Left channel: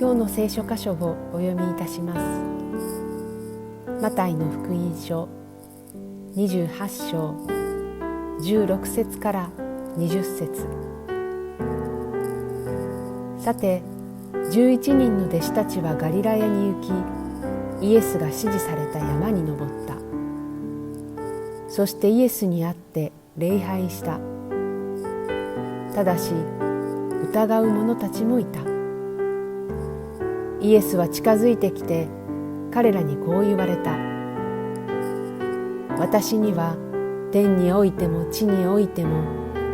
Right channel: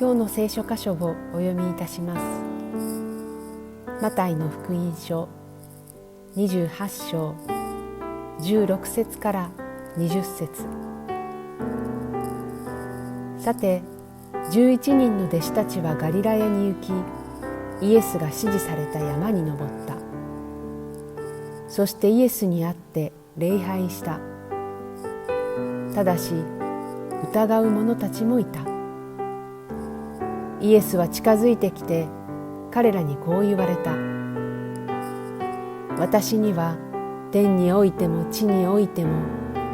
今日の聖書箇所をお読みいたします。マタイの福音書28章16節から20節。さて11人の弟子たちはガリラヤに行き、イエスが指示された山に登った。そしてイエスに会って礼拝した。ただし疑う者たちもいた。イエスは近づいてきて彼らにこう言われた。私には天においても地においても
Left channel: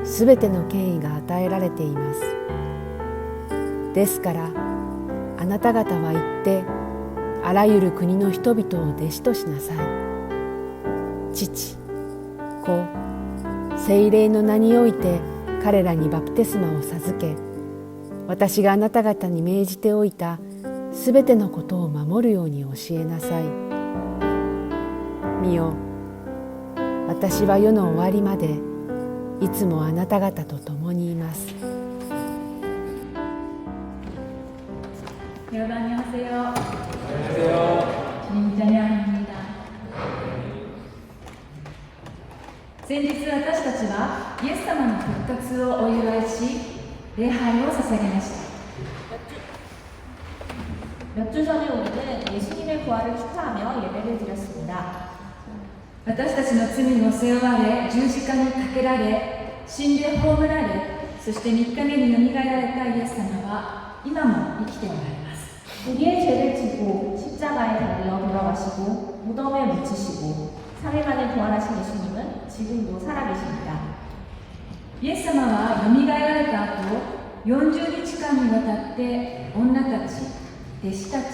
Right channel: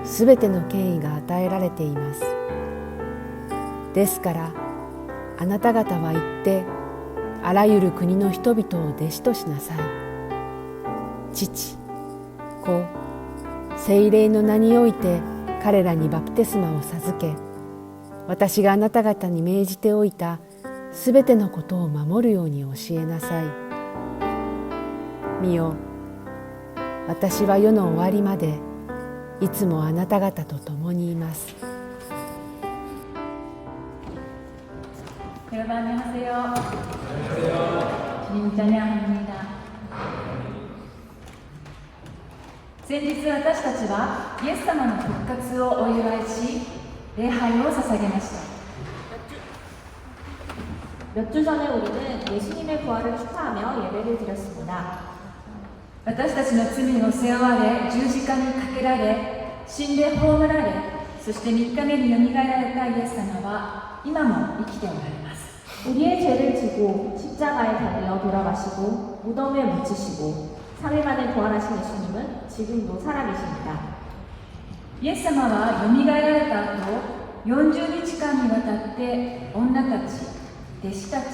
すべての権威が与えられています。ですからあなた方は行ってあらゆる国の人々を弟子としなさい。父、子、聖霊の名において彼らにバプテスマを授け、私があなた方に命じておいたすべてのことを守るように教えなさい。見よ、私は世の終わりまでいつもあなた方と共にいます。여러분안녕하세요。주님찬양합니다。先日私たちはイエス様の復活をお祝いし、礼拝を捧げました。몇 주 전에 우리는 예수님의 부활을 축하하며 예배를 드렸습니다. 私たちの罪を背負われ、十字架にかけられ、死んで葬られ、そして3日目によみがえられたイエス様は今も生きておられます。 우리의 죄를 지고 십자가에 달려 돌아가시고 무덤에 묻히시고 3일 만에 부활하신 예수님은 지금도 살아계십니다. イエス様はよみがえられた後、40日間にわたって女たち、弟子たち、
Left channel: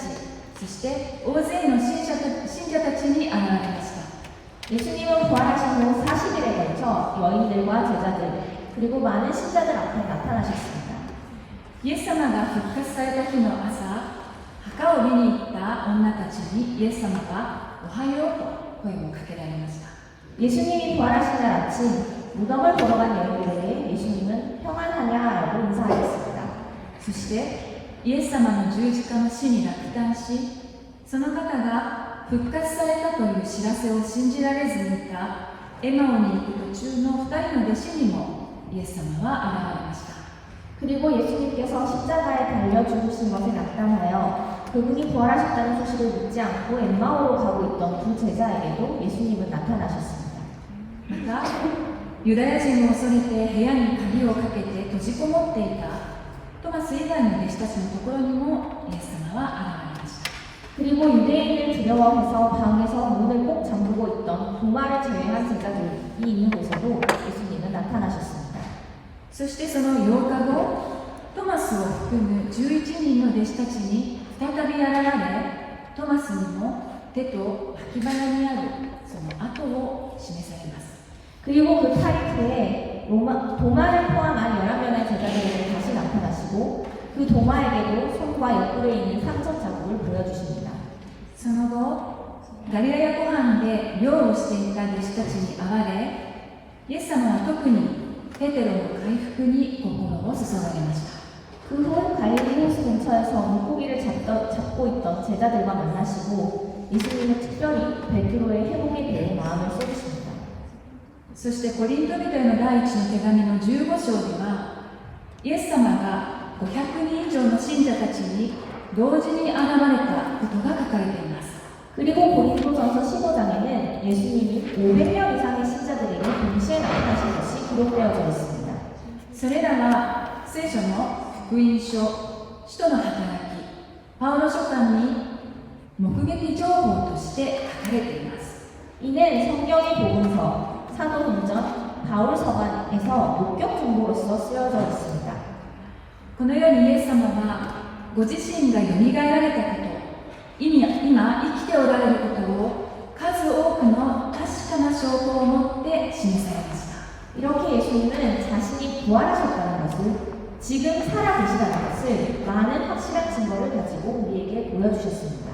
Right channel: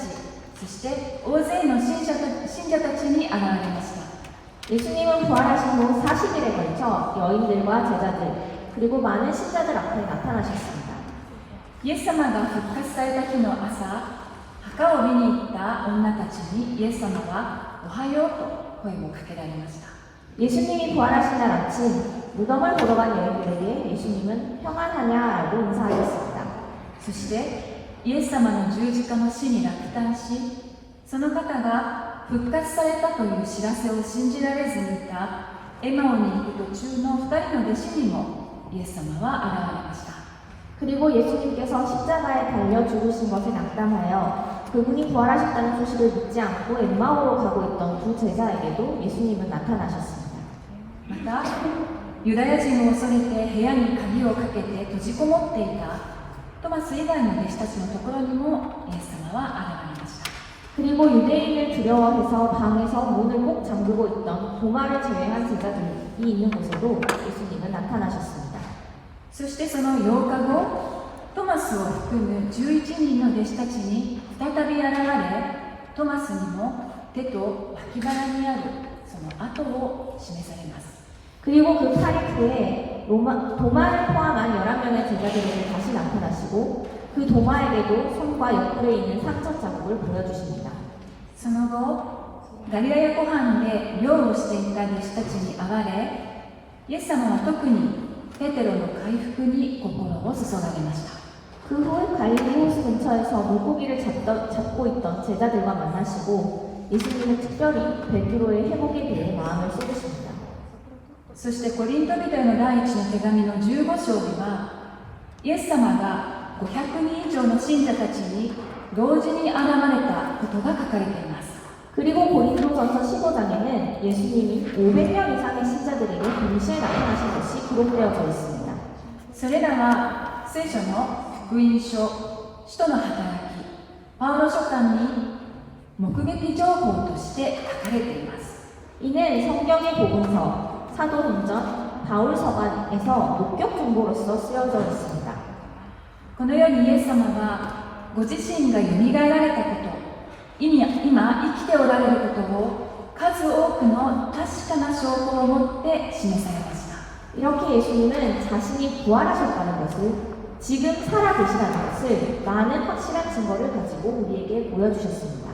そして大勢の信者たちに現れました。 예수님은 부활하신 후 40일에 걸쳐 여인들과 제자들 그리고 많은 신자들 앞에 나타나셨습니다. イエス様が復活された日の朝、墓を見に行った女たちにイエス様がおはようと声をかけられました。 예수님이 부활하신 날 아침 무덤을 보러 간 여인들에게 예수님은 평안하냐라고 인사하셨습니다. そしてイエス様の十字架の死に落胆し、その方が復活されたという知らせを信じられずにいたエマオに行く途中の2人の弟子にもイエス様は現れました。 그리고 예수님께서 십자가에 달려 죽으신 것에 낙담하여 그분이 부활하셨다는 소식을 믿지 않고 엠마오로 가고 있던 두 제자에게도 예수님은 나타나셨습니다. またユダヤ人を恐れて部屋に鍵をかけて閉じこもっていたトマス以外の弟子たちのところにもイエス様は現れました。 그리고 유대인을 두려워해서 방에서 문을 꼭 잠그고 있던 도마를 제외한 제자들이 있는 곳에도 예수님은 나타나셨습니다. そしてその8日後、トマスを含む11人の弟子たちに再び現れ、トマスにも手と脇腹にあるその跡を示されます。 그리고 그 8일 후에 도마를 포함한 11명의 제자들에게 다시 나타나시고 그 도마에게도 손과 옆구리에 있는 상처 자국을 보여주십니다. その後、ガリラヤ湖畔で漁をしていた弟子たちに会われ、イエス様は特にペテロの回復に心を注がれました。 그 후 갈릴리 호수 근처에서 물고기를 잡고 있던 제자들과 만나시고 예수님은 특별히 베드로의 회복에 대해 마음을 쏟으십니다. そしてコリント人への第一の手紙の15章では、イエス様が500人以上の信者たちに同時に現れたことが書かれています。 그리고 고린도전서 15장에는 예수님이 500명 이상의 신자들에게 동시에 나타나신 것이 기록되어져 있습니다. それらは聖書の福音書、使徒の働き、パウロ書簡に目撃情報として書かれています。 이는 성경의 복음서, 사도행전, 바울서간에서 목격 정보로서 쓰여져 있습니다. このようにイエス様はご自身がよみがえられたこと、今生きておられることを数多くの確かな証拠を持って示されました。 이렇게 예수님은 자신이 부활하셨다는 것을, 지금 살아계시다는 것을 많은 확실한 증거를 가지고 우리에게 보여주셨습니다.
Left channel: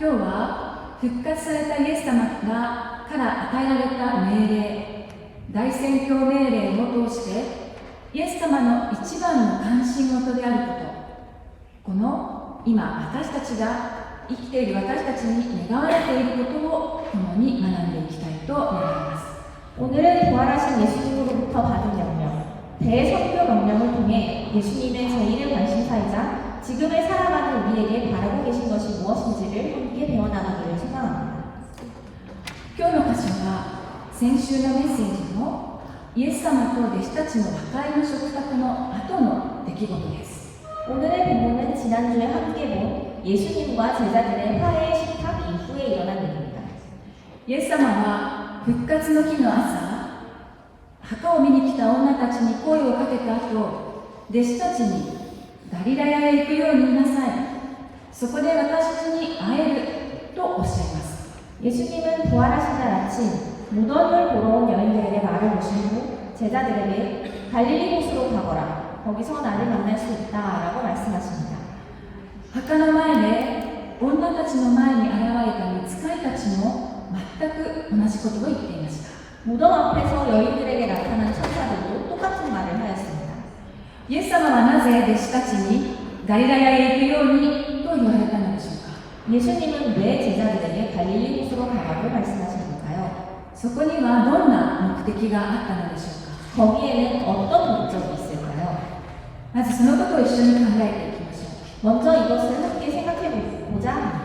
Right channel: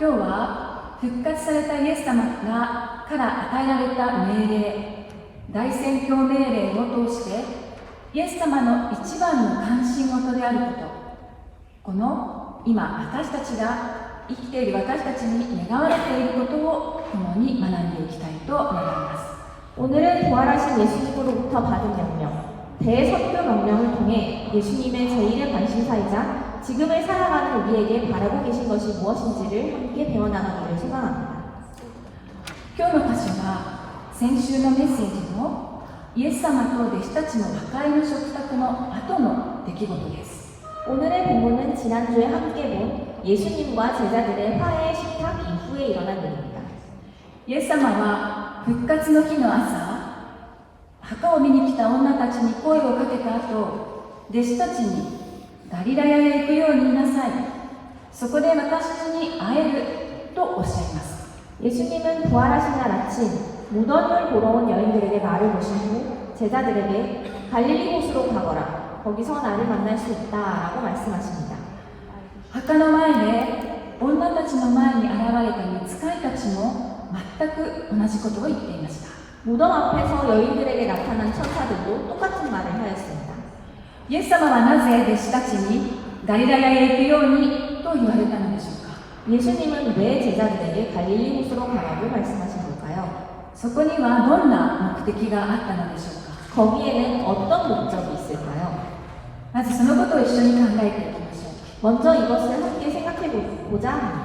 今日は復活されたイエス様から与えられた命令、大宣教命令を通してイエス様の一番の関心事であること、この今私たちが生きている私たちに願われていることを共に学んでいきたいと願います。 오늘은 부활하신 예수님으로부터 받은 명령, 대선교 명령을 통해 예수님의 제1의 관심사이자 지금을 살아가는 우리에게 바라고 계신 것이 무엇인지를 함께 배워나가기를 소망합니다. 今日の箇所は先週のメッセージのイエス様と弟子たちの和解の食卓の後の出来事です。 오늘의 본문은 지난주에 함께 본 예수님과 제자들의 화해 식탁 이후에 일어난 일입니다. イエス様は復活の日の朝、墓を見に来た女たちに声をかけた後、弟子たちにガリラヤへ行くように言いなさい。そこで私に会えるとおっしゃいます。 예수님은 부활하신 날 아침 무덤을 보러 온 여인들에게 말을 모시고 제자들에게 갈릴리 곳으로 가거라. 거기서 나를 만날 수 있다라고 말씀하십니다. 墓の前で女たちの前に現れた御使いたちも全く同じことを言っていました。 무덤 앞에서 여인들에게 나타난 천사들도 똑같은 말을 하였습니다. イエス様はなぜ弟子たちにガリラヤへ行くようにと言われたのでしょうか。 예수님은 왜 제자들에게 갈릴리 곳으로 가라고 말씀하신 걸까요? そこにはどんな目的があったのでしょうか。 거기에는 어떤 목적이 있을까요? まずそのことを一緒に考えていきましょう。 먼저 이것을 함께 생각해 보자 합니다.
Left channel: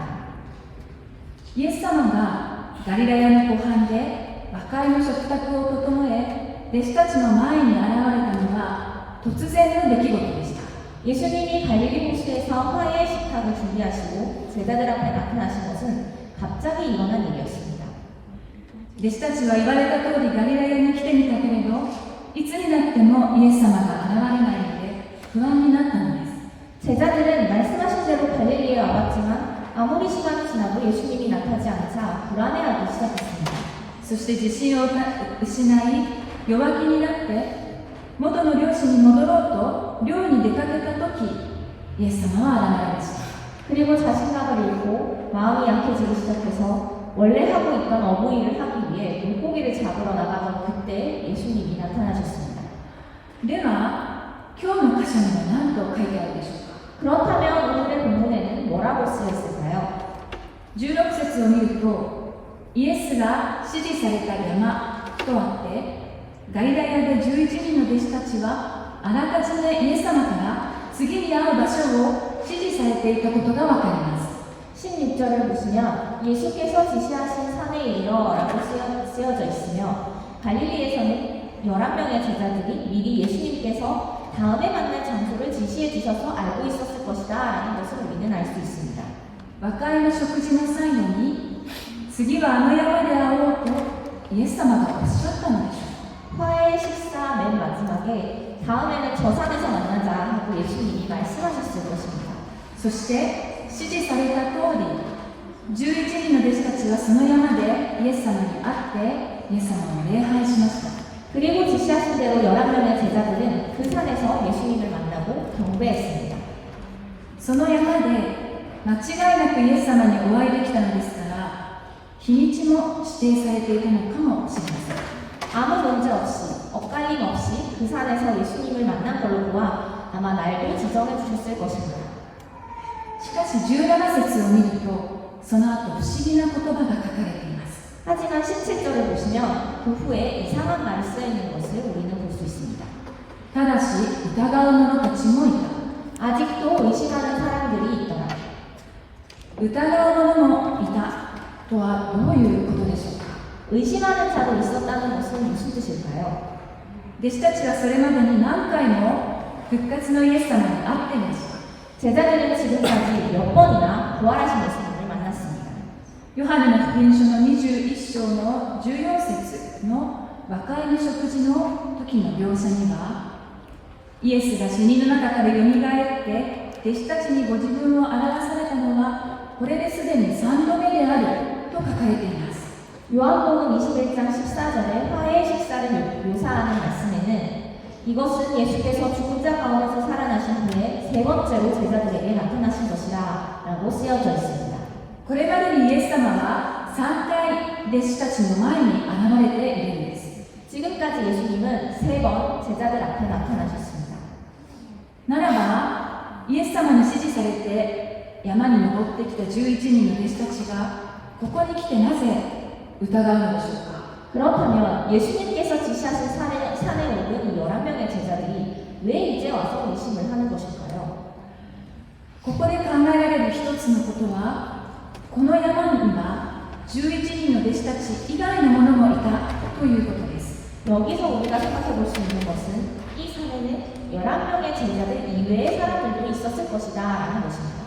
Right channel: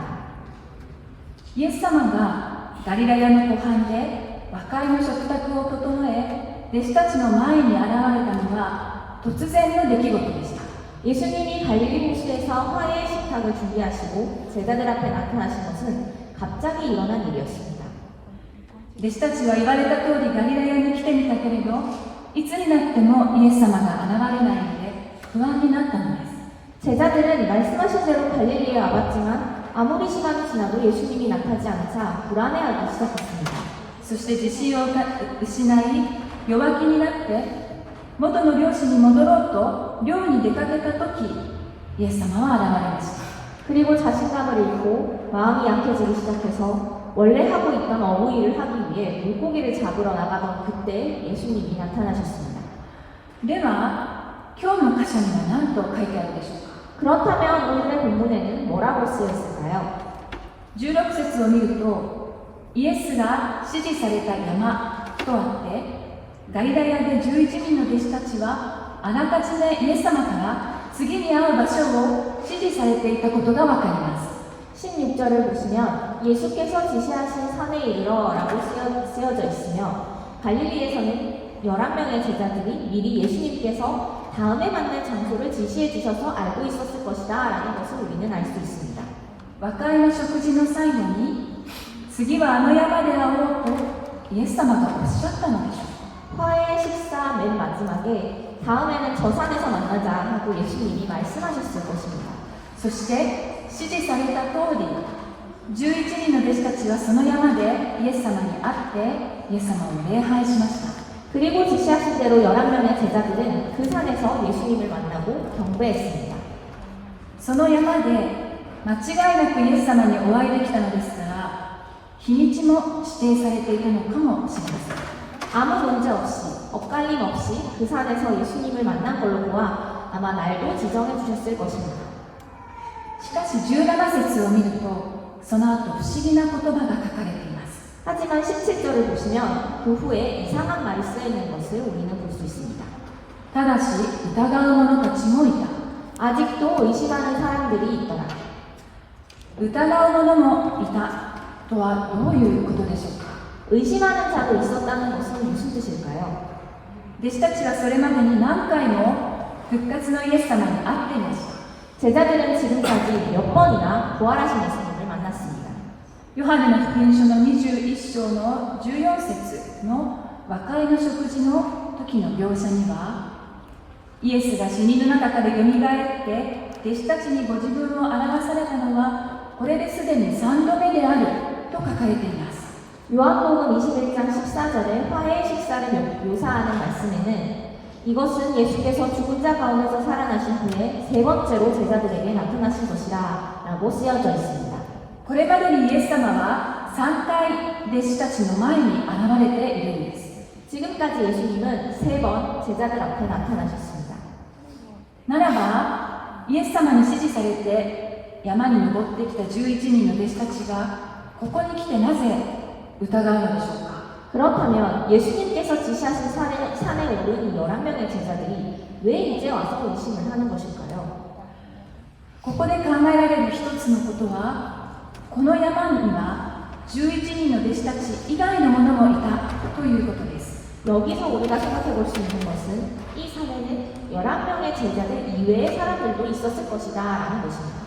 イエス様がガリラヤの湖畔で和解の食卓を整え、弟子たちの前に現れたのは突然の出来事でした。 예수님이 갈릴리 호수에서 화해 식탁을 준비하시고 제자들 앞에 나타나신 것은 갑자기 일어난 일이었습니다. 弟子たちは言われた通りガリラヤに来てみたけれど、いつになってもイエス様が現れないので不安になったのです。 제자들은 말씀하신 대로 갈릴리에 와봤지만 아무리 시간이 지나도 예수님이 나타나지 않자 불안해하기 시작했습니다. そして自信を失い弱気になって元の漁師に戻ろうと漁に出かけた時、イエス様は現れました。 그리고 자신감을 잃고 마음이 약해지기 시작해서 원래 하고 있던 어부 일을 하기 위해 물고기를 잡으러 나가던 그때 예수님이 나타나셨습니다. では今日の箇所には何と書いてあるでしょうか。 그렇다면 오늘의 본문에는 뭐라고 쓰여 있을까요? 16節を見ると、イエスが指示された山とあって、ガリラヤで11人の弟子たちはあらかじめイエス様から次に会う場所を指示されていたことがわかります。 16절을 보시면 예수께서 지시하신 산에 이르러라고 쓰여져 있으며 갈릴리에서는 11명의 제자들이 미리 예수님께서 다음에 만날 장소를 지시해 주셔서 알고 있었을 것이다 라는 것을 우리는 알 수 있습니다. 和解の食事の最後に、次はあの山で会おうとイエス様がおっしゃったのでしょう。 화해 식사 맨 마지막에 다음에는 저 산에서 만나자 하고 예수님이 말씀하셨을 것입니다. そして指示された通り、11人の弟子たちはその山でイエス様に会ってイエス様を礼拝しました。 그리고 지시하신 대로 11명의 제자들은 그 산에서 예수님을 만나고 경배했습니다. その山で間違いなくイエス様にお会いできたのですから、日にちも指定されていたのかもしれません。 아무 문제 없이 엇갈림 없이 그 산에서 예수님을 만난 걸로 보아 아마 날도 지정해 주셨을 것입니다. しかし17節を見ると、その後不思議な言葉が書かれています。 하지만 17절을 보시면 그 후에 이상한 말이 쓰여 있는 것을 우리는 볼 수 있습니다. ただし疑う者たちもいた。 아직도 의심하는 사람들이 있더라. 疑う者もいたとはどういうことでしょうか。 의심하는 자도 있었다는 것은 무슨 뜻일까요? 弟子たちはそれまでに何回も復活のイエス様に会っていました。 제자들은 지금까지 몇 번이나 부활하신 예수님을 만났습니다. ヨハネの福音書の21章の14節の和解の食事の時の描写には、イエスが死人の中からよみがえって弟子たちにご自分を表されたのはこれですでに3度目であると書かれています。 요한복음 21장 14절에 화해의 식사를 묘사하는 말씀에는 이것은 예수께서 죽은 자 가운데서 살아나신 후에 세 번째로 제자들에게 나타나신 것이다 라고 쓰여져 있습니다. これまでにイエス様は3回弟子たちの前に現れているんです。 지금까지 예수님은 세 번 제자들 앞에 나타나셨습니다. ならばイエス様に指示されて山に登ってきた11人の弟子たちがここに来てなぜ疑うのでしょうか。 그렇다면 예수님께서 지시하신 산에 오른 이 11명의 제자들이 왜 이제 와서 의심을 하는 것일까요? ここで考えられる一つのことは、この山には11人の弟子たち以外の者もいたということです。 여기서 우리가 생각해 볼 수 있는 것은 이 산에는 11명의 제자들 이외의 사람들도 있었을 것이다 라는 것입니다.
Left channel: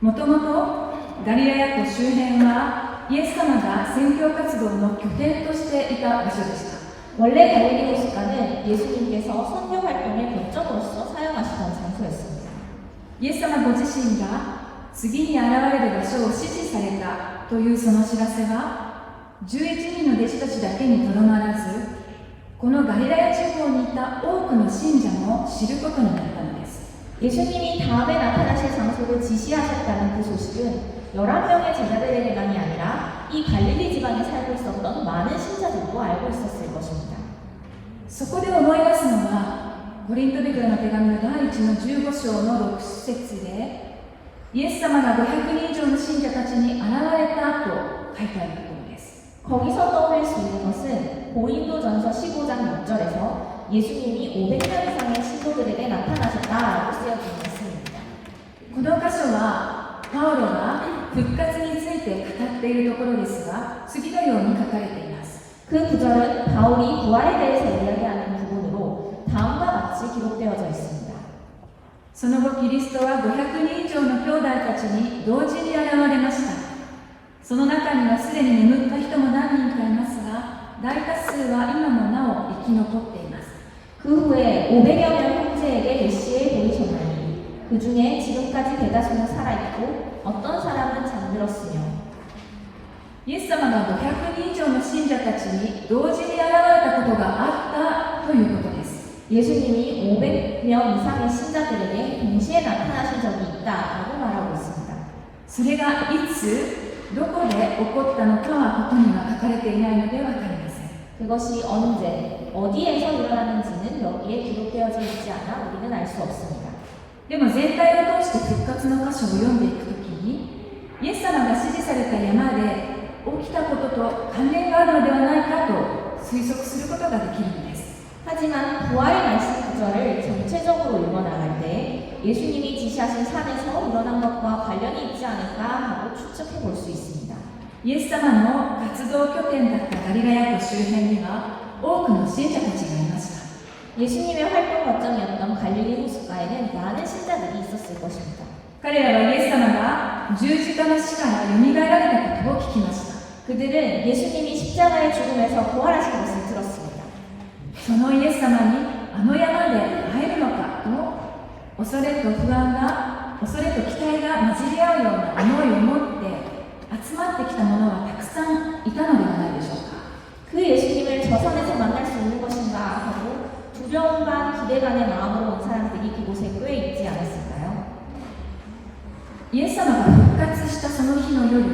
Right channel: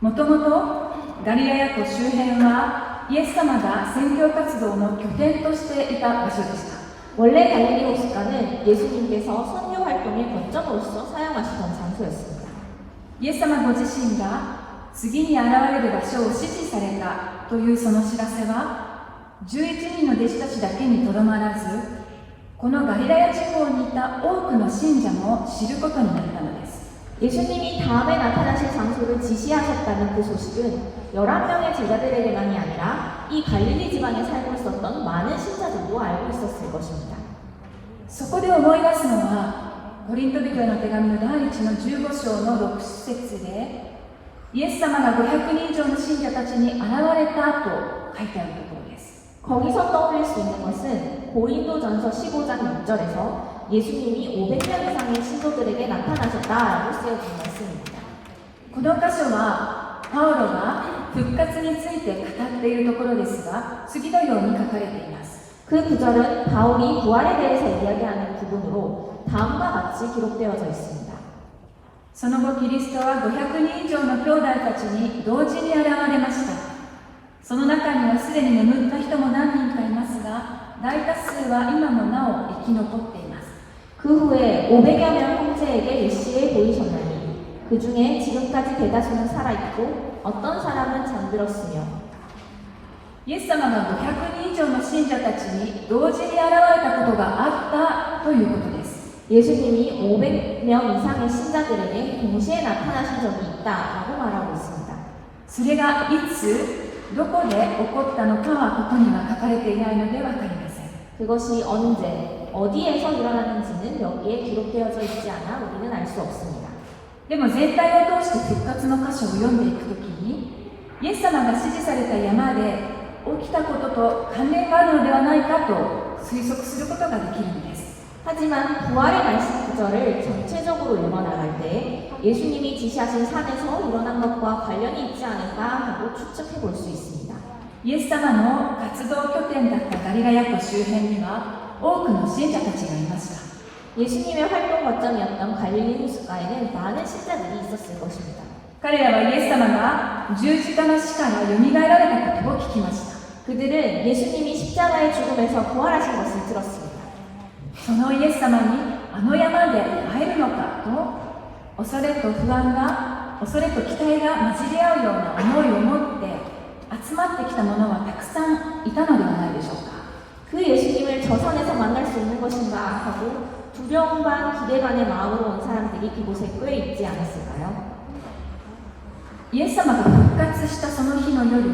もともとガリラヤ湖周辺はイエス様が宣教活動の拠点としていた場所でした。 원래 갈릴리 호숫가는 예수님께서 선교 활동의 거점으로서 사용하시던 장소였습니다. イエス様ご自身が次に現れる場所を指示されたというその知らせは11人の弟子たちだけにとどまらず、このガリラヤ地方にいた多くの信者も知ることになったのです。 예수님이 다음에 나타나실 장소를 지시하셨다는 그 소식은 11명의 제자들에게만이 아니라 이 갈릴리 지방에 살고 있었던 많은 신자들도 알고 있었을 것입니다. そこで思い出すのはコリント人への手紙の第1の15章の6節で、イエス様が500人以上の信者たちに現れたと書いてあるところです。 거기서 떠올릴 수 있는 것은 고린도전서 15장 6절에서 예수님이 500명 이상의 신도들에게 나타나셨다라고 쓰여진 말씀입니다. この箇所はパウロが復活について語っているところですが、次のように書かれています。 그 구절은 바울이 부활에 대해서 이야기하는 부분으로 다음과 같이 기록되어져 있습니다. その後キリストは500人以上の兄弟たちに同時に現れました。その中にはすでに眠った人も何人かいますが、大多数は今もなお生き残っています。 그 후에 500여 명 형제에게 일시에 보이셨나니 그 중에 지금까지 대다수는 살아있고 어떤 사람은 잠들었으며 イエス様が500人以上の信者たちに同時に現れたことがあったということです。 예수님이 500명 이상의 신자들에게 동시에 나타나신 적이 있다라고 말하고 있습니다. それがいつどこで起こったのかはここには書かれていないのでわかりません。 그것이 언제, 어디에서 일어나는지는 여기에 기록되어져 있지 않아 우리는 알 수 없습니다. でも全体を通して復活の箇所を読んでいくときに、イエス様が指示された山で起きたことと関連があるのではないかと推測することができるのです。 하지만 부활의 말씀 구절을 전체적으로 읽어나갈 때 예수님이 지시하신 산에서 일어난 것과 관련이 있지 않을까 하고 추측해 볼 수 있습니다. イエス様の活動拠点だったガリラヤ湖周辺には多くの信者たちがいました。 예수님의 활동 거점이었던 갈릴리 호숫가에는 많은 신자들이 있었을 것입니다. 彼らはイエス様が十字架の死からよみがえられたことを聞きました。 그들은 예수님이 십자가의 죽음에서 부활하신 것을 들었습니다. そのイエス様にあの山で会えるのかと恐れと不安が、恐れと期待が混じり合うような思いを持って集まってきた者はたくさんいたのではないでしょうか。 그 예수님을 저 산에서 만날 수 있는 것인가 하고 두려움 반 기대 반의 마음으로 온 사람들이 그곳에 꽤 있지 않았을까요? イエス様が復活したその日の夜、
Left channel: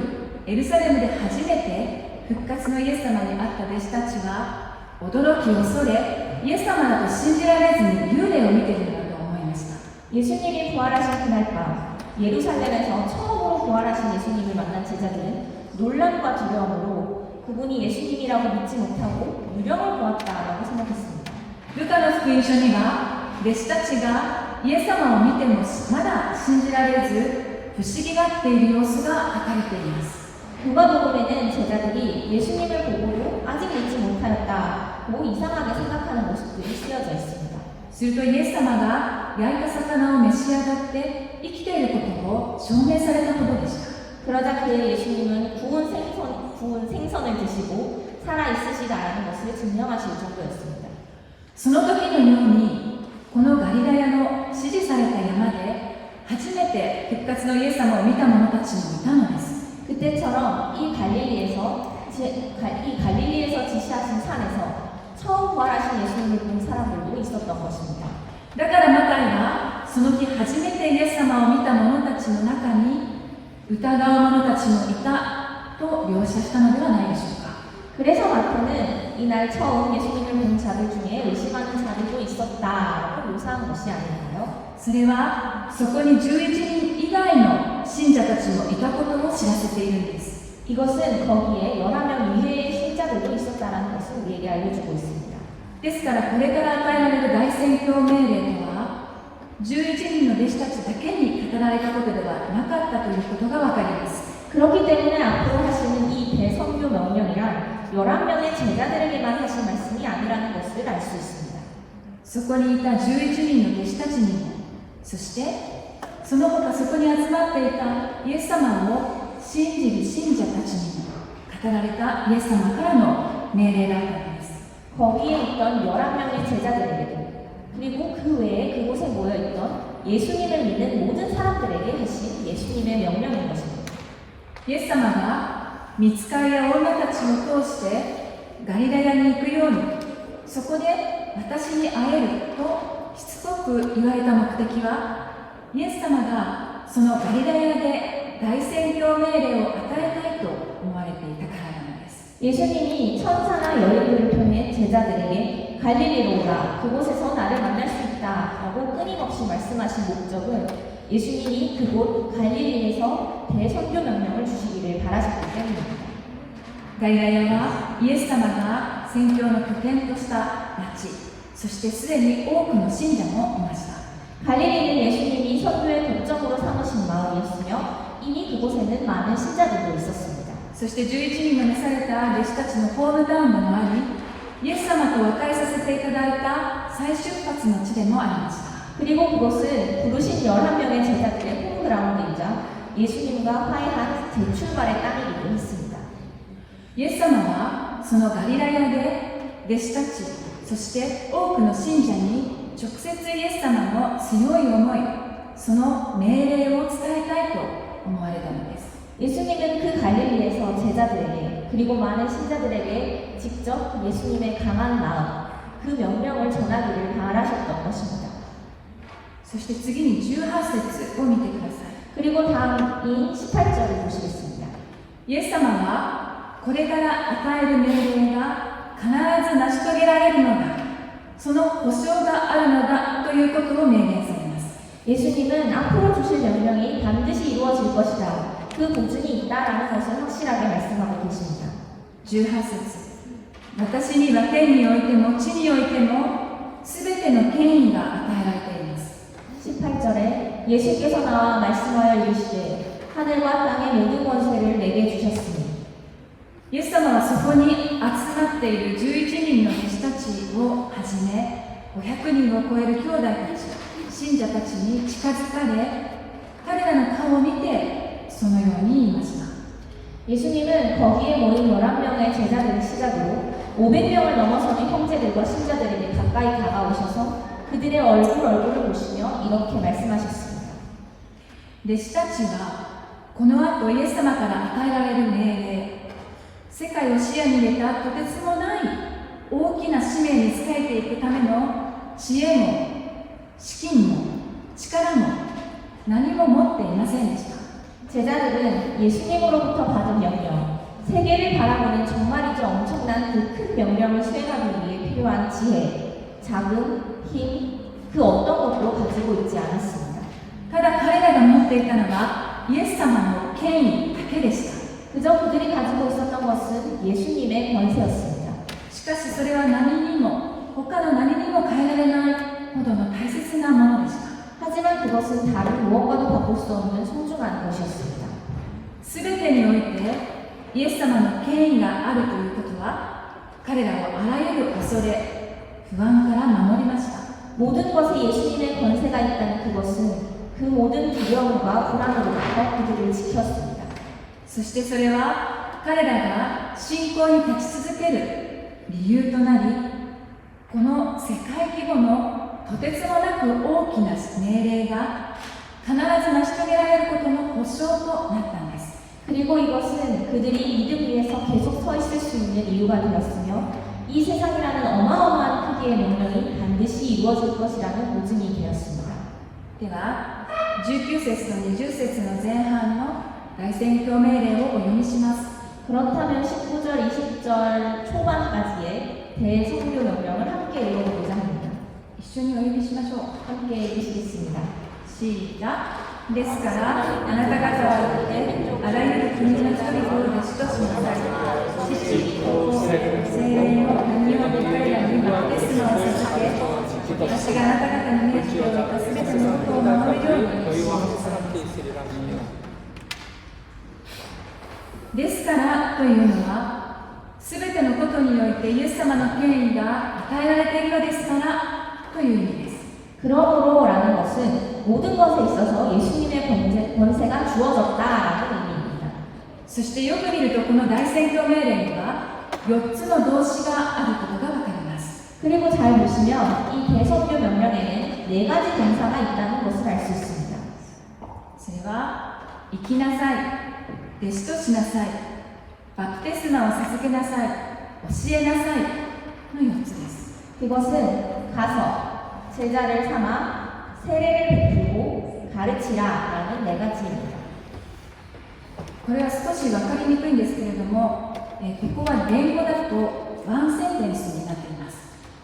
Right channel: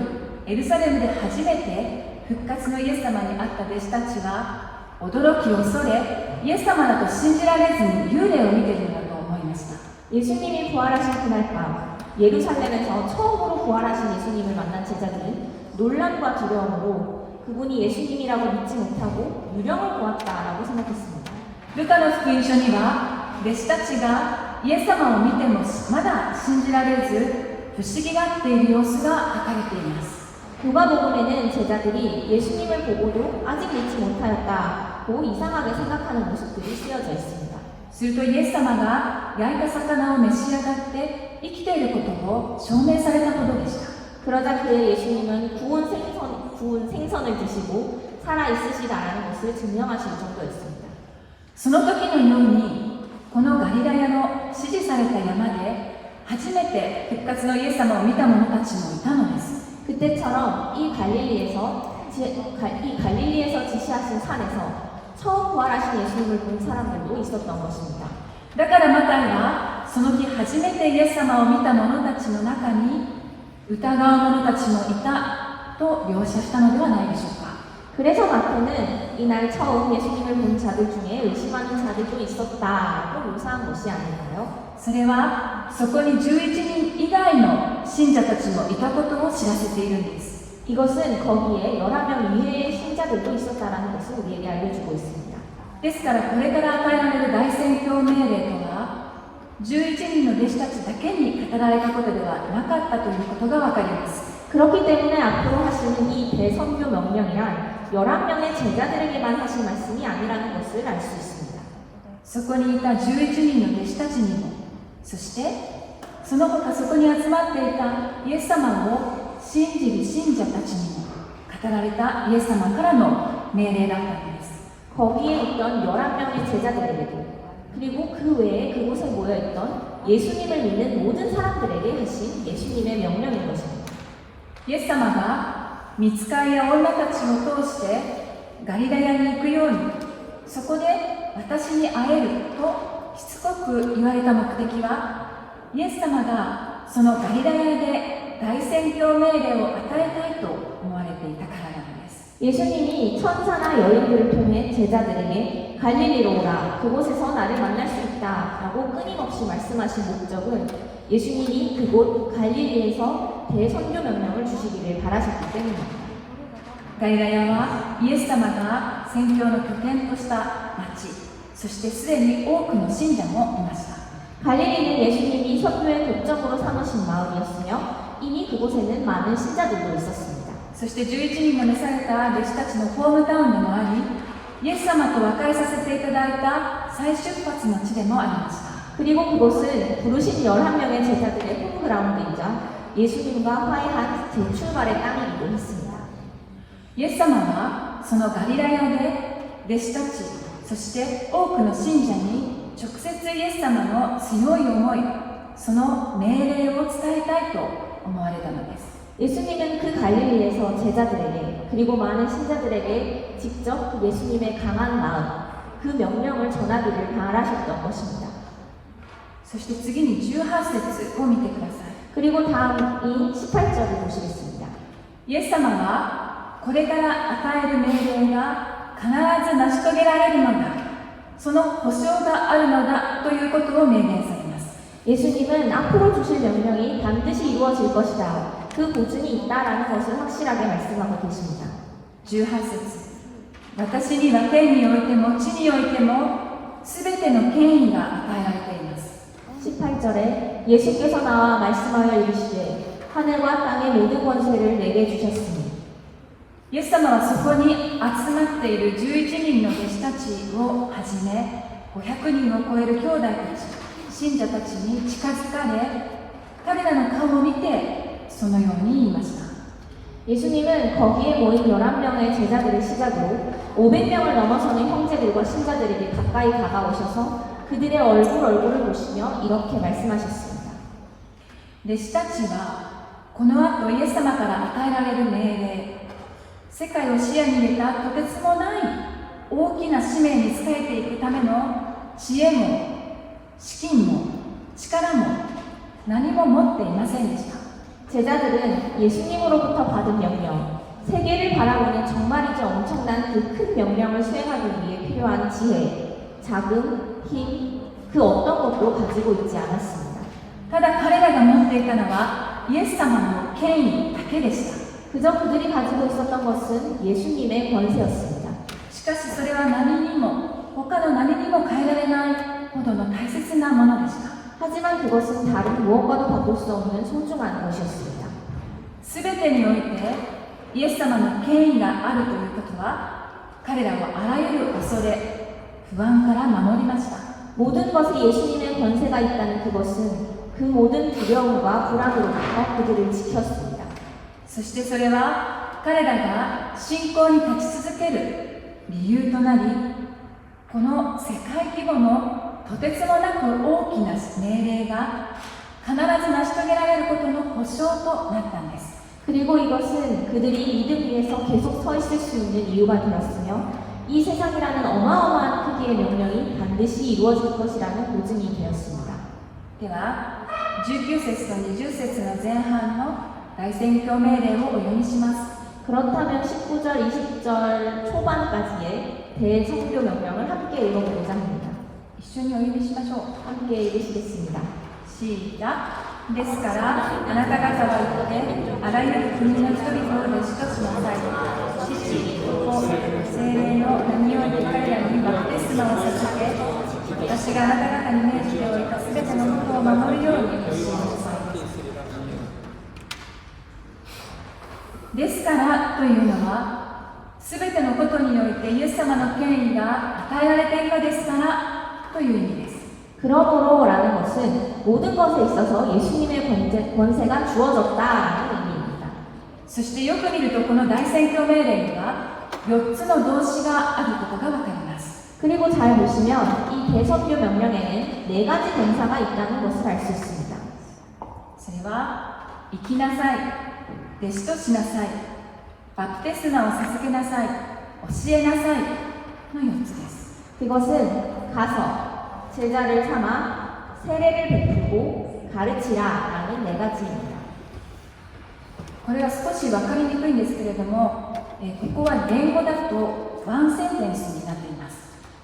エルサレムで初めて復活のイエス様に会った弟子たちは驚き恐れ、イエス様だと信じられずに幽霊を見ているのだと思いました。 예수님이 부활하신 그날 밤 예루살렘에서 처음으로 부활하신 예수님을 만난 제자들은 놀람과 두려움으로 그분이 예수님이라고 믿지 못하고 유령을 보았다라고 생각했습니다. ルカの福音書には弟子たちがイエス様を見てもまだ信じられず不思議がっている様子が書かれています。 누가복음에는 제자들이 예수님을 보고도 아직 믿지 못하였다고 이상하게 생각하는 모습들이 쓰여져 있습니다. するとイエス様が焼いた魚を召し上がって生きていることを証明されたほどでした。 그러자 그의 예수님은 구운 생선을 드시고 살아있으시다라는 것을 증명하실 정도였습니다. その時のようにこのガリラヤの指示された山で初めて復活のイエス様を見た者たちもいたのです。 그때처럼 이 갈릴리에서 지시하신 산에서 처음 부활하신 예수님을 본 사람들도 있었던 것입니다. だからマタイはその日初めてイエス様を見た者たちの中に疑う者たちもいたと描写したのではないでしょうか。 그래서 마태는 이날 처음 예수님을 본 자들 중에 의심하는 자들도 있었다라고 묘사한 것이 아닌가요? それはそこに11人以外の信者たちもいたことを知らせているんです。 이것은 거기에 11명 이외의 신자들도 있었다라는 것을 우리에게 알려주고 있습니다. ですからこれから与えられる大宣教命令とは11人の弟子たちだけに語られたことではなかったということがわかります。 그렇기 때문에 앞으로 하시는 이 대선교 명령이란 11명의 제자들에게만 하신 말씀이 아니라는 것을 알 수 있습니다. そこにいた11人の弟子たちにも、そしてその他そこに集まっていたイエス様を信じる信者たちにも語られたイエス様からの命令だったのです。 거기에 있던 11명의 제자들에게도 그리고 그 외에 그곳에 모여있던 예수님을 믿는 모든 사람들에게 하신 예수님의 명령인 것입니다. イエス様が御使いや女たちを通してガリラヤに行くように、そこで私に会えるとしつこく言われた目的は、イエス様がそのガリラヤで大宣教命令を与えたいと思われていたからなのです。 예수님이 천사나 여인들을 통해 제자들에게 갈릴리로 오라, 그곳에서 나를 만날 수 있다 라고 끊임없이 말씀하신 목적은 예수님이 그곳 갈릴리에서 대선교 명령을 주시기를 바라셨기 때문입니다. ガリラヤはイエス様が宣教の拠点とした町、そしてすでに多くの信者もいました。 갈릴리는 예수님이 선교의 거점으로 삼으신 마을이었으며 이미 그곳에는 많은 신자들도 있었습니다. そして11人の召された弟子たちのホームタウンでもあり、イエス様と和解させていただいた再出発の地でもありました。 그리고 그곳은 부르신 11명의 제자들의 홈그라운드이자 예수님과 화해한 재출발의 땅이기도 했습니다. イエス様はそのガリラヤで弟子たち、そして多くの信者に直接イエス様の強い思い、その命令を伝えたいと思われたのです。 예수님은 그 갈릴리에서 제자들에게 그리고 많은 신자들에게 직접 예수님의 강한 마음, 그 명령을 전하기를 바라셨던 것입니다. そして次に18節を見てください。 그리고 다음이 18절을 보시겠습니다. イエス様はこれから与える命令が必ず成し遂げられるのだ、その保証があるのだということを明言されます。 예수님은 앞으로 주실 명령이 반드시 이루어질 것이다. 그 보증이 있다라는 것을 확실하게 말씀하고 계십니다. 18節、私には天においても地においてもすべての権威が与えられています。 18절에 예수께서 나와 말씀하여 이르시되 하늘과 땅의 모든 권세를 내게 주셨으니 イエス様はそこに集まっている11人の弟子たちをはじめ500人を超える兄弟たち、信者たちに近づかれ、彼らの顔を見てそのように言いました。 예수님은 거기에 모인 11명의 제자들을 시작으로 500명을 넘어서는 형제들과 신자들에게 가까이 다가오셔서 그들의 얼굴을 보시며 이렇게 말씀하셨습니다. 弟子たちはこの後イエス様から与えられる命令、世界を視野に入れたとてつもない大きな使命に仕えていくための知恵も資金も力も何も持っていませんでした。 제자들은 예수님으로부터 받은 명령, 세계를 바라보는 정말이죠 엄청난 그 큰 명령을 수행하기 위해 필요한 지혜, 자금, 힘, 그 어떤 것도 가지고 있지 않았습니다. ただ彼らが持っていたのはイエス様の権威だけでした。 그저 그들이 가지고 있었던 것은 예수님의 권세였습니다. しかしそれは何にも他の何にも変えられないほどの大切なものでした。 하지만 그것은 다른 무엇과도 바꿀 수 없는 소중한 것이었습니다. すべてにおいてイエス様の権威があるということは彼らをあらゆる恐れ、不安から守りました。 모든 것에 예수님의 권세가 있다는 그것은 그 모든 두려움과 불안으로부터 그들을 지켰습니다. そしてそれは彼らが信仰に立ち続ける理由となり、この世界規模のとてつもなく大きな命令が必ず成し遂げられることの保証となったんです。 그리고 이것은 그들이 믿음 위에서 계속 서 있을 수 있는 이유가 되었으며 이 세상이라는 어마어마한 크기의 명령이 반드시 이루어질 것이라는 보증이 되었습니다. では19節と20節の前半の大宣教命令をお読みします。 그렇다면 19절, 20절 초반까지의 대선교 명령을 함께 읽어보고자 합니다. 一緒にお読みしましょう。 함께 읽으시겠습니다. C がですからあなた方は行ってあらゆる国の人々を弟子としなさい。父、子、聖霊の名によって彼らにバプテスマを授け、私があなた方に命じておいたすべてのことを守るようにしなさい。ですからというのは、すべてのことにおいてイエス様の権威が与えられているのですからという意味です。 그러므로라는 것은 모든 것에 있어서 예수님의 권세가 주어졌다라는 의미입니다. そしてよく見るとこの大宣教命令には4つの動詞があることがわかります。 그리고 잘 보시면 이 대선교 명령에는 4가지 동사가 있다는 것을 알 수 있습니다. それは生きなさい、弟子としなさい、バプテスマを授けなさい、教えなさいの4つです。 그것은 가서 제자를 삼아 세례를 베풀고 가르치라라는 4가지입니다. これは少し分かりにくいんですけれども、ここは言語だとワンセンテンスになっています。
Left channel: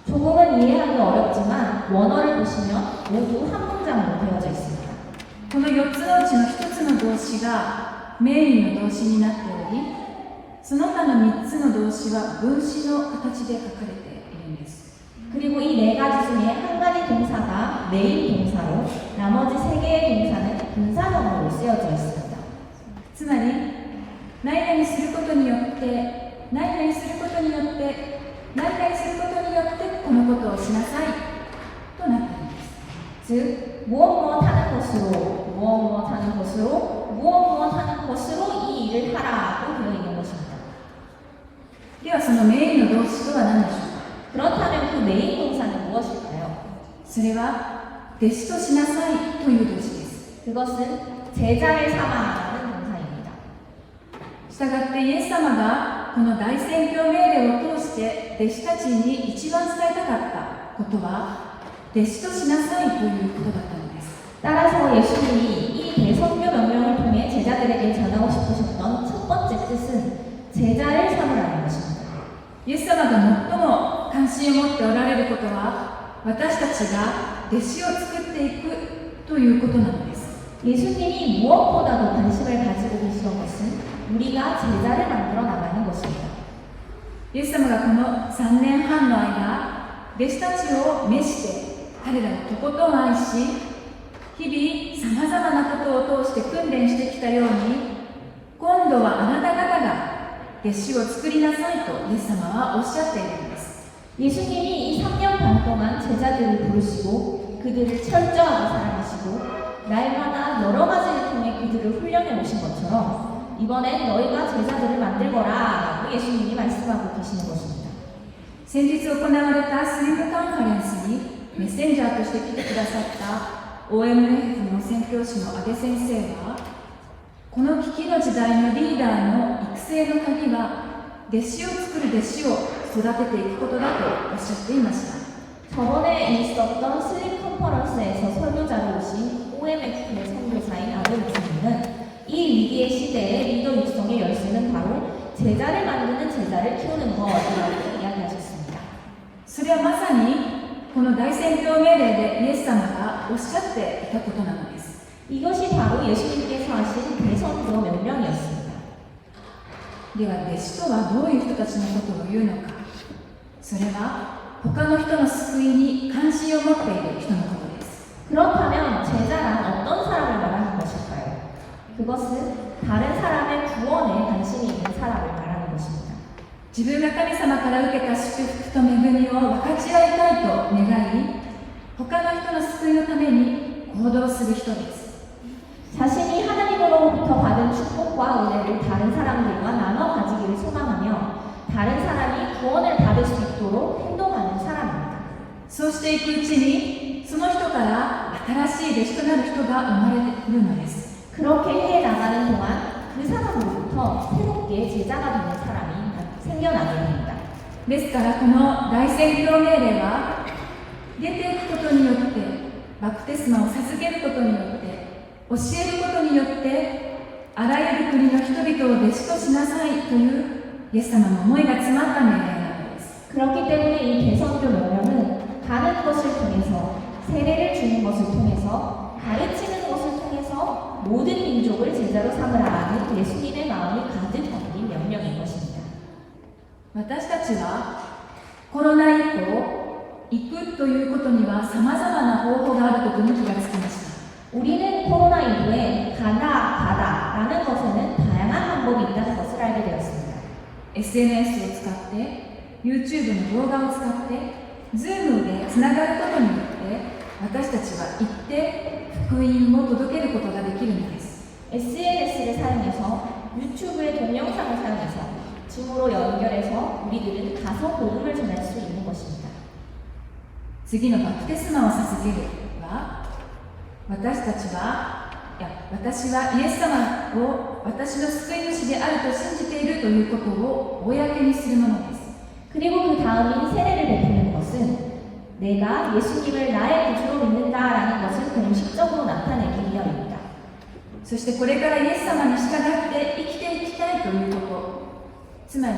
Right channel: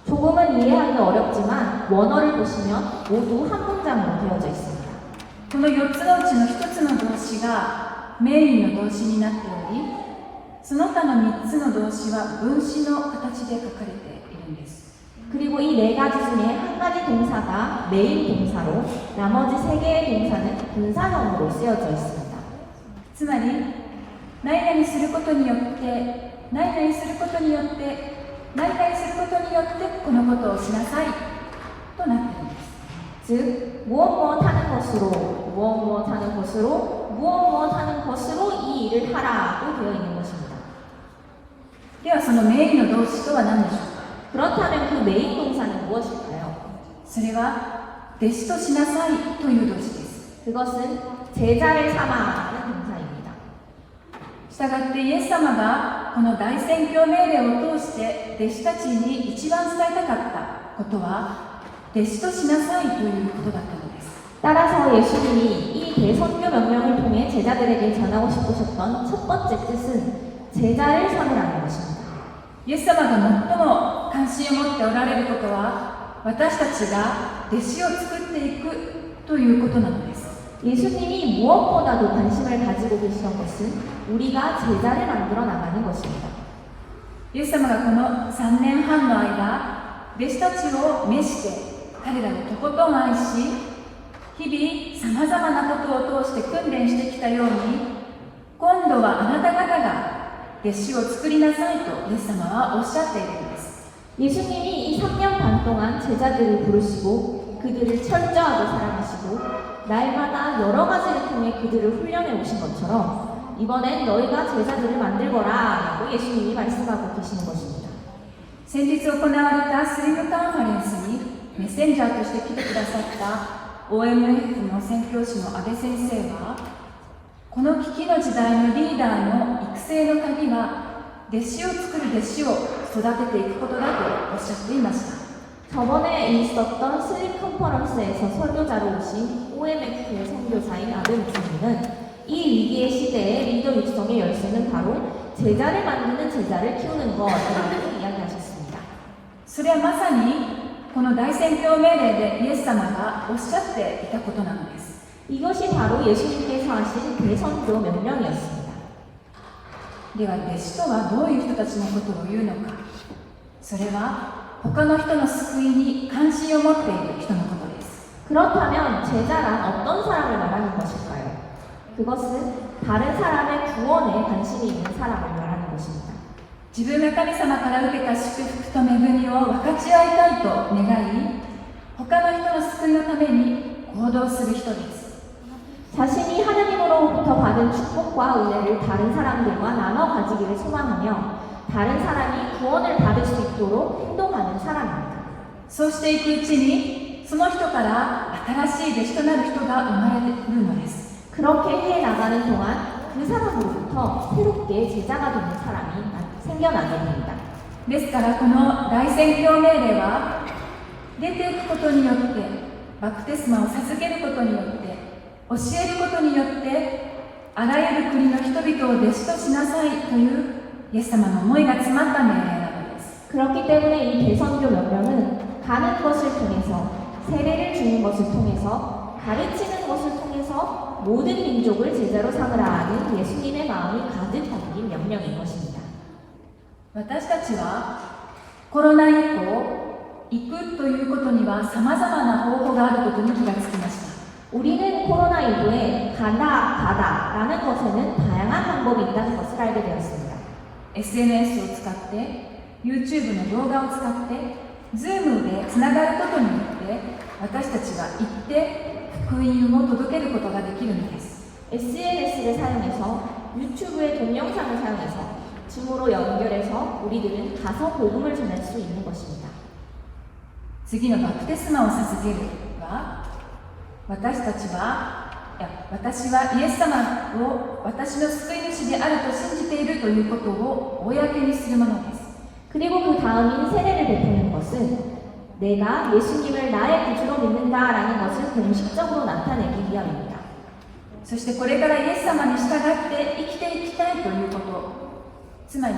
조금은 이해하기 어렵지만 원어를 보시면 모두 한 문장으로 되어져 있습니다. この4つのうちの1つの動詞がメインの動詞になっており、その他の3つの動詞は分詞の形で書かれているんです。 그리고 이 4가지 중에 한 가지 동사가 메인 동사로 나머지 3개의 동사는 분사형으로 쓰여져 있습니다. つまり、何々することによって、何々することによって、何々することによってこのことをしなさいとなっているんです。 즉, 무엇 하는 것으로, 무엇 하는 것으로, 무엇 하는 것으로 이 일을 하라고 되어 있는 것입니다. ではそのメインの動詞とは何でしょうか。 그렇다면 그 메인 동사는 무엇일까요? それは弟子としなさいという動詞です。 그것은 제자를 삼아라는 동사입니다. したがってイエス様がこの大宣教命令を通して弟子たちに一番伝えたかったことは弟子としなさいということだったのです。 따라서 예수님이 이 대선교 명령을 통해 제자들에게 전하고 싶으셨던 첫 번째 뜻은 제자를 삼으라는 것입니다. イエス様が最も関心を持っておられることは私たちが弟子を作っていくということなのです。 예수님이 무엇보다도 관심을 가지고 계시던 것은 우리가 제자를 만들어 나가는 것입니다. イエス様がこの3年半の間弟子たちを召して彼らをとことん愛し日々さまざまなことを通して訓練してきたように今度はあなた方が弟子を作りなさいとイエス様はおっしゃっているんです。 예수님이 이 3년 반 동안 제자들을 부르시고 그들을 철저하게 사랑하시고 날마다 여러 가지를 통해 그들을 훈련해 오신 것처럼 이번엔 너희가 제자들을 만들거라 라고 예수님이 말씀하고 계시는 것입니다. 先日行われたスリムカンファレンスにメッセンジャーとして来てくださった OMF の宣教師の安倍先生はこの危機の時代のリーダーの育成の鍵は弟子を作る弟子を育てていくことだとおっしゃっていました。 저번에 있었던 슬림 컨퍼런스에서 설교자로 오신 OMF의 선교사인 아들 목사님은 이 위기의 시대에 리더 육성의 열쇠는 바로 제자를 만드는 제자를 키우는 것이라고 이야기하셨습니다. それはまさにこの大宣教命令でイエス様がおっしゃっていたことなのです。 이것이 바로 예수님께서 하신 대선교 명령이었습니다. では弟子とはどういう人たちのことを言うのか。それは他の人の救いに関心を持っている人のことです。 그렇다면 제자란 어떤 사람을 말하는 것일까요? 그것은 다른 사람의 구원에 관심이 있는 사람을 말하는 것입니다. 自分が神様から受けた祝福と恵みを分かち合いたいと願い、他の人の救いのために行動する人です。 자신이 하나님으로부터 받은 축복과 은혜를 다른 사람들과 나눠 가지기를 소망하며 다른 사람이 구원을 받을 수 있도록 행동하는 사람입니다. そうしていくうちにその人から新しい弟子となる人が生まれてくるのです。 그렇게 해 나가는 동안 그 사람으로부터 새롭게 제자가 되는 사람이 생겨나게 됩니다. ですからこの大宣教命令は出ていくことによってバプテスマを授けることによって教えることによってあらゆる国の人々を弟子としなさいというイエス様の思いが詰まった命令なのです。 그렇기 때문에 이 대선교 명령은 가는 것을 통해서 세례를 주는 것을 통해서 가르치는 모든 민족을 제자로 삼으라 하는 예수님의 마음이 가득 담긴 명령인 것입니다. 私たちはコロナ以降、行くということには様々な方法があることに気がつきました。 우리는 코로나 이후에 가다라는 것에는 다양한 방법이 있다는 것을 알게 되었습니다. SNS を使って、YouTube の動画を使って、Zoom でつながることによって、私たちは行って福音を届けることができるのです。 SNS를 사용해서 유튜브의 동영상을 사용해서 줌으로 연결해서 우리들은 가서 복음을 전할 수 있는 것입니다. 次のバプテスマを捧げるは、私はイエス様を私の救い主であると信じているということを公にするものです。 그리고 그 다음인 세례를 베푸는 것은 내가 예수님을 나의 구주로 믿는다라는 것을 공식적으로 나타내기 위함입니다. そしてこれからイエス様に従って生きていきたいということ、つまり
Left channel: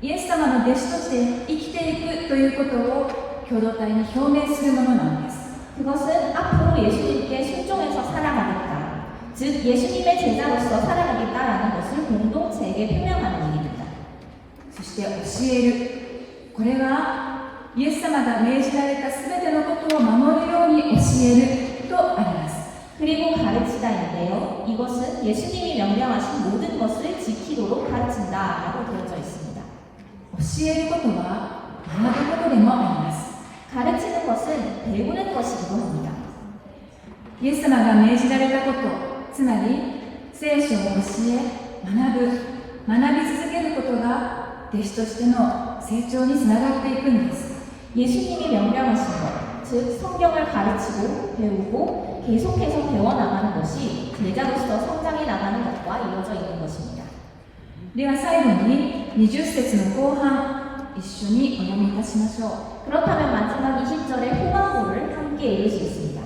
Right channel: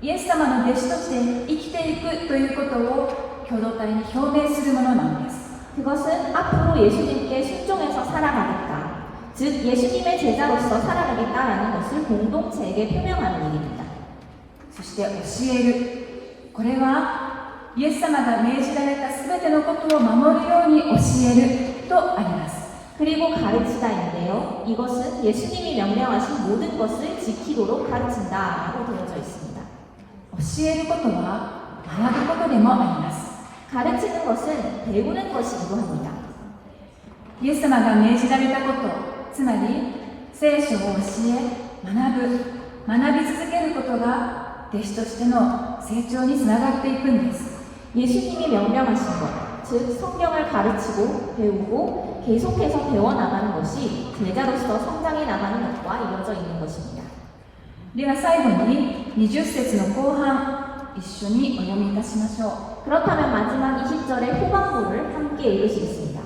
イエス様の弟子として生きていくということを共同体に表明するものなんです。 그것은 앞으로 예수님께 순종해서 살아가겠다, 즉 예수님의 제자로서 살아가겠다라는 것을 공동체에게 표명하는 일입니다. そして教える、これはイエス様が命じられたすべてのことを守るように教えるとあります。 그리고 가르치다인데요, 이것은 예수님이 명령하신 모든 것을 지키도록 가르친다라고 되어져 있습니다. 教えることは学ぶことでもあります。 가르치는 것은 배우는 것이기도 합니다. イエス様が命じられたこと、つまり聖書を教え、学び続けることが弟子としての成長につながっていくんです。 예수님이 명령하신 것, 즉 성경을 가르치고 배우고 계속해서 배워나가는 것이 제자로서 성장해 나가는 것과 이어져 있는 것입니다. では最後に20節の後半、一緒にお読みいたしましょう。 그렇다면 마지막 20절의 후반부를 함께 읽으시겠습니다.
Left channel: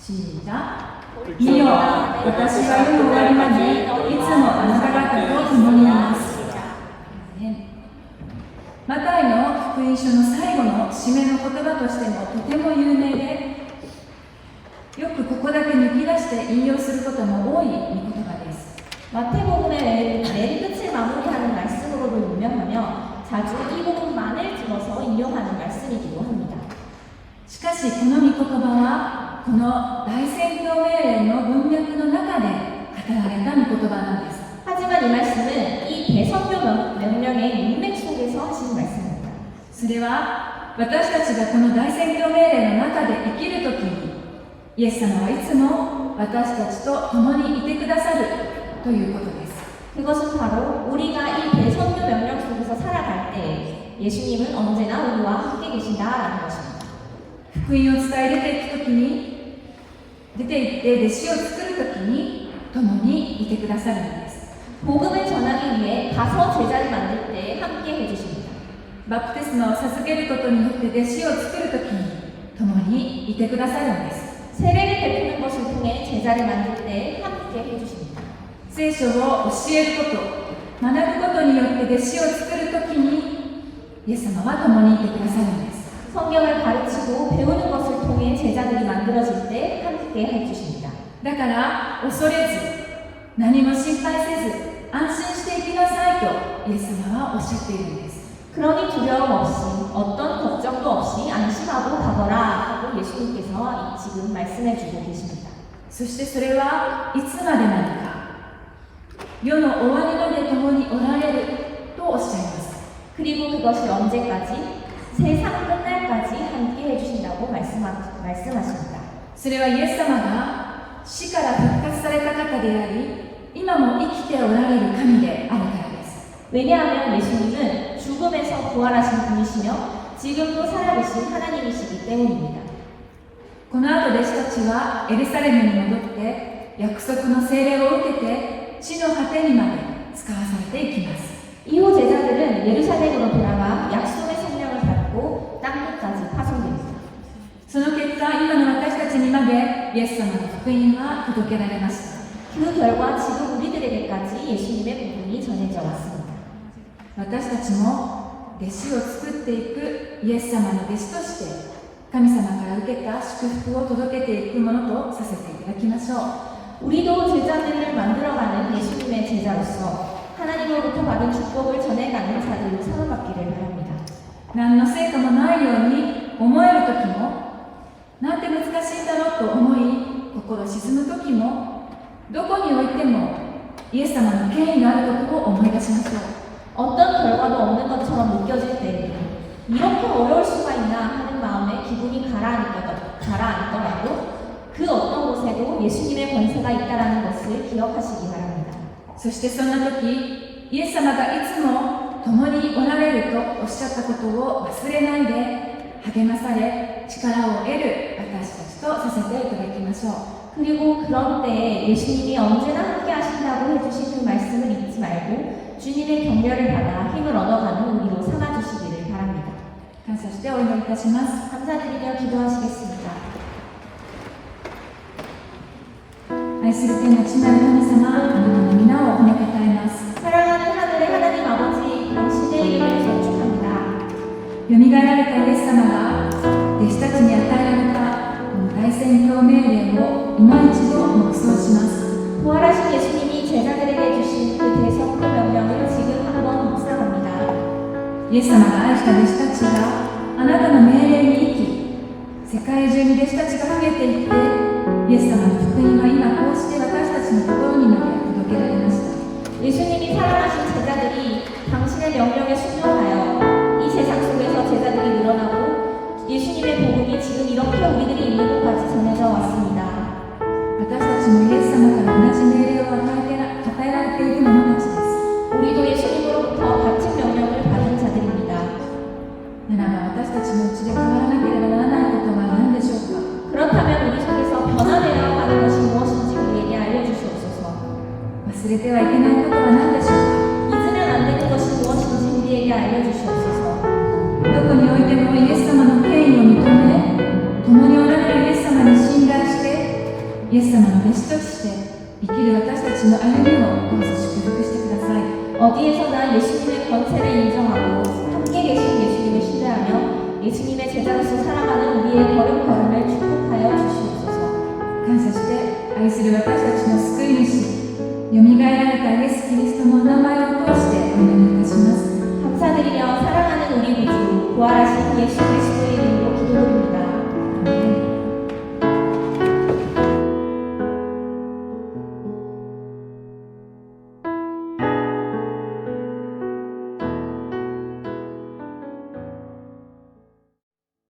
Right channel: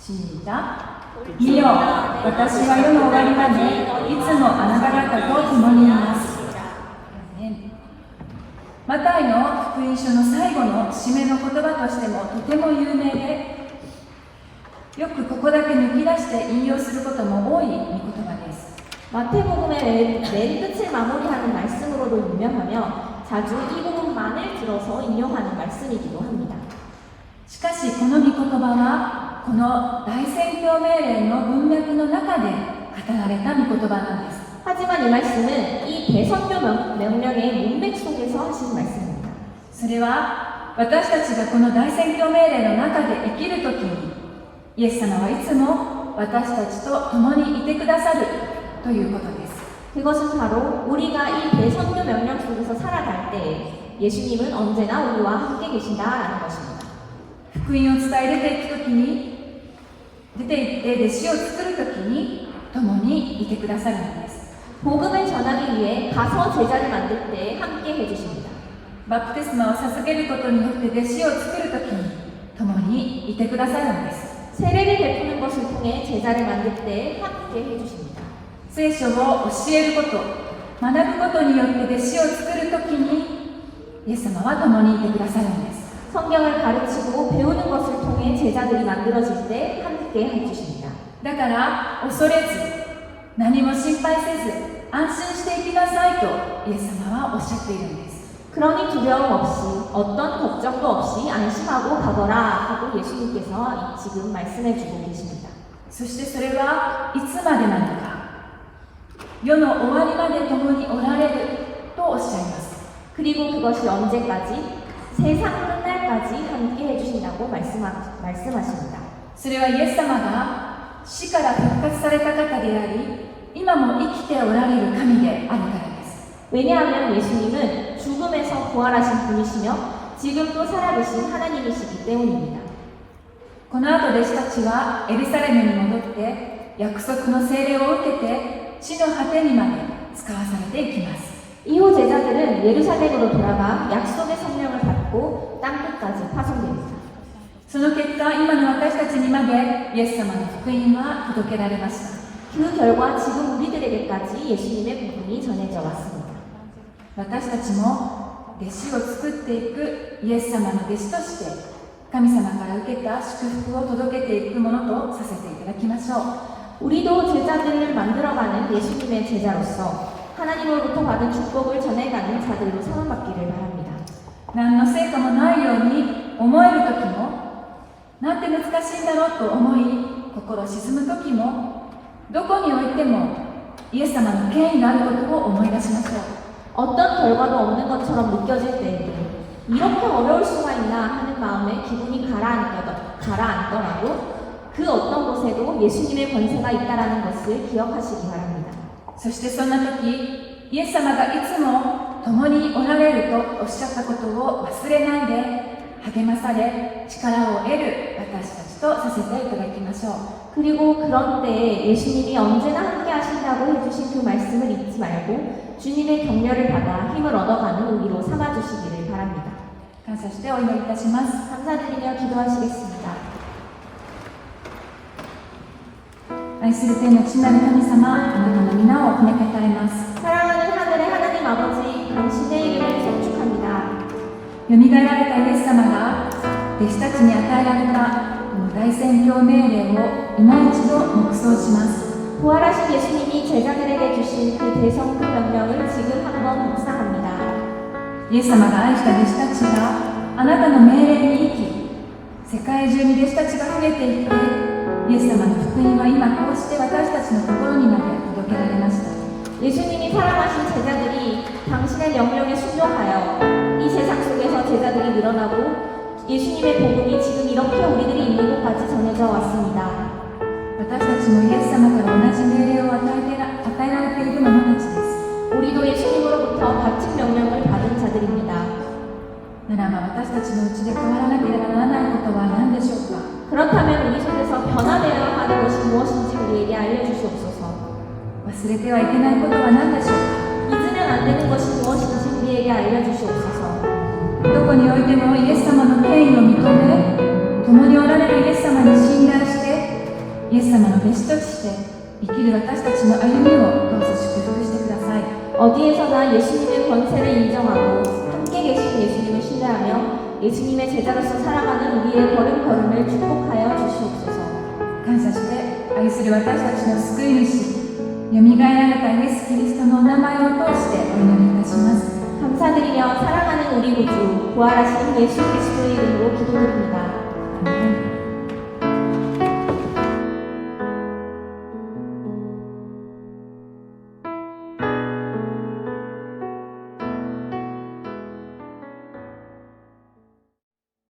시작。見よ、私は世の終わりまでいつもあなた方と共にいます。マタイの福音書の最後の締めの言葉としてもとても有名で、よくここだけ抜き出して引用することも多い御言葉です。 마태복음의 메리 끝을 마무리하는 말씀으로도 유명하며 자주 이 부분만을 들어서 인용하는 말씀이기도 합니다. しかしこの御言葉はこの大宣教命令の文脈の中で語られた御言葉なんです。 하지만 이 말씀은 이 대선교 명령의 문맥 속에서 하신 말씀입니다. それは私たちがこの大宣教命令の中で生きるときにイエス様はいつも私たちと共にいてくださるということです。 그것은 바로 우리가 이 대선교 명령 속에서 살아갈 때 예수님은 언제나 우리와 함께 계신다라는 것입니다. 福音を伝え出て行って弟子を作るときに共にいてくださるのです。 복음을 전하기 위해 가서 제자를 만들 때 함께 해주십니다. バプテスマを授けることによって弟子を作るときに共にいてくださるのです。 세례를 베푸는 것을 통해 제자를 만들 때 함께 해주십니다. 聖書を教えること、学ぶことによって弟子を作るときにイエス様は共にいてくださるのです。 성경을 가르치고 배우는 것을 통해 제자들이 만들어질 때 함께 해주십니다. だから恐れず何も心配せず安心していきなさいとイエス様はおっしゃっているんです。 그러니 두려움 없이 어떤 걱정도 없이 안심하고 가거라 하고 예수님께서 지금 말씀해 주고 계십니다. そしてそれはいつまでなのか、世の終わりまで共におられるとおっしゃいます。 그리고 그것이 언제까지? 세상 끝날까지 함께 해주신다고 말씀하십니다. それはイエス様が死から復活された方であり、今も生きておられる神であるからです。 왜냐하면 예수님은 죽음에서 부활하신 분이시며 지금도 살아계신 하나님이시기 때문입니다. この後弟子たちはエルサレムに戻って約束の聖霊を受けて地の果てにまで使わされていきます。 이후 제자들은 예루살렘으로 돌아가 약속의 성령을 받고 땅끝까지 파송됩니다. その結果、今の私たちにまでイエス様の福音は届けられました。 그 결과 지금 우리들에게까지 예수님의 복음이 전해져 왔습니다. 私たちも弟子を作っていくイエス様の弟子として神様から受けた祝福を届けていくものとさせていただきましょう。 우리도 제자들을 만들어가는 예수님의 제자로서 하나님으로부터 받은 축복을 전해가는 자들로 사용받기를 바랍니다. 何の成果もないように思える時も、なんて難しいんだろうと思い心沈む時も、どこにおいてもイエス様の権威があることを思い出しましょう。 어떤 결과도 없는 것처럼 느껴질 때에는 이렇게 어려울 수가 있나 하는 마음에 기분이 가라앉더라도 그 어떤 곳에도 예수님의 권세가 있다는 것을 기억하시기 바랍니다. そしてそんな時、イエス様がいつも共におられるとおっしゃったことを忘れないで、励まされ力を得る私たちとさせていただきましょう。 그리고 그런 때에 예수님이 언제나 함께 하신다고 해주신 그 말씀을 잊지 말고 주님의 격려를 받아 힘을 얻어가는 우리로 삼아주시기를 바랍니다. 感謝してお祈りいたします。 감사드리며 기도하시겠습니다. 愛する天の父なる神様、あなたの皆を褒めたたえます。 사랑하는 하늘의 하나님 아버지, 당신의 이름을 송축합니다. よみがえられたイエス様が弟子たちに与えられたこの大宣教命令を今一度黙想します。 부활하신 예수님이 제자들에게 주신 그 대성교 명령을 지금 한번 묵상합니다. イエス様が愛した弟子たちがあなたの命令に生き、世界中に弟子たちが増えていって、イエス様の福音は今こうして私たちのところにまで届けられました。 예수님이 사랑하신 제자들이 당신의 명령에 순종하여 이 세상 속에서 제자들이 늘어나고 예수님의 복음이 지금 이렇게 우리들이 있는 곳까지 전해져 왔습니다. 私たちもイエス様から同じ命令を与えられている者たちです。 우리도 예수님으로부터 같은 명령을 받은 자들입니다. ならば私たちのうちで変わらなければならないことは何でしょうか。 그렇다면 우리 속에서 변화되어야 하는 것이 무엇인지 우리에게 알려주시옵소서. 忘れてはいけないことは何でしょうか。 잊으면 안 되는 것이 무엇인지 우리에게 알려주시옵소서. どこにおいてもイエス様の権威を認め、共におられるイエス様に信頼して、イエス様の弟子として生きる私たちの歩みをどうぞ祝福してください。 어디에서나 예수님의 권세를 인정하고 함께 계신 예수님을 신뢰하며 예수님의 제자로서 살아가는 우리의 걸음걸음을 축복하여 주시옵소서. 感謝して愛する私たちの救い主、よみがえられたイエス・キリストのお名前を通してお祈りいたします。 감사드리며 사랑하는 우리 구주 부활하신 예수 그리스도의 이름으로 기도드립니다.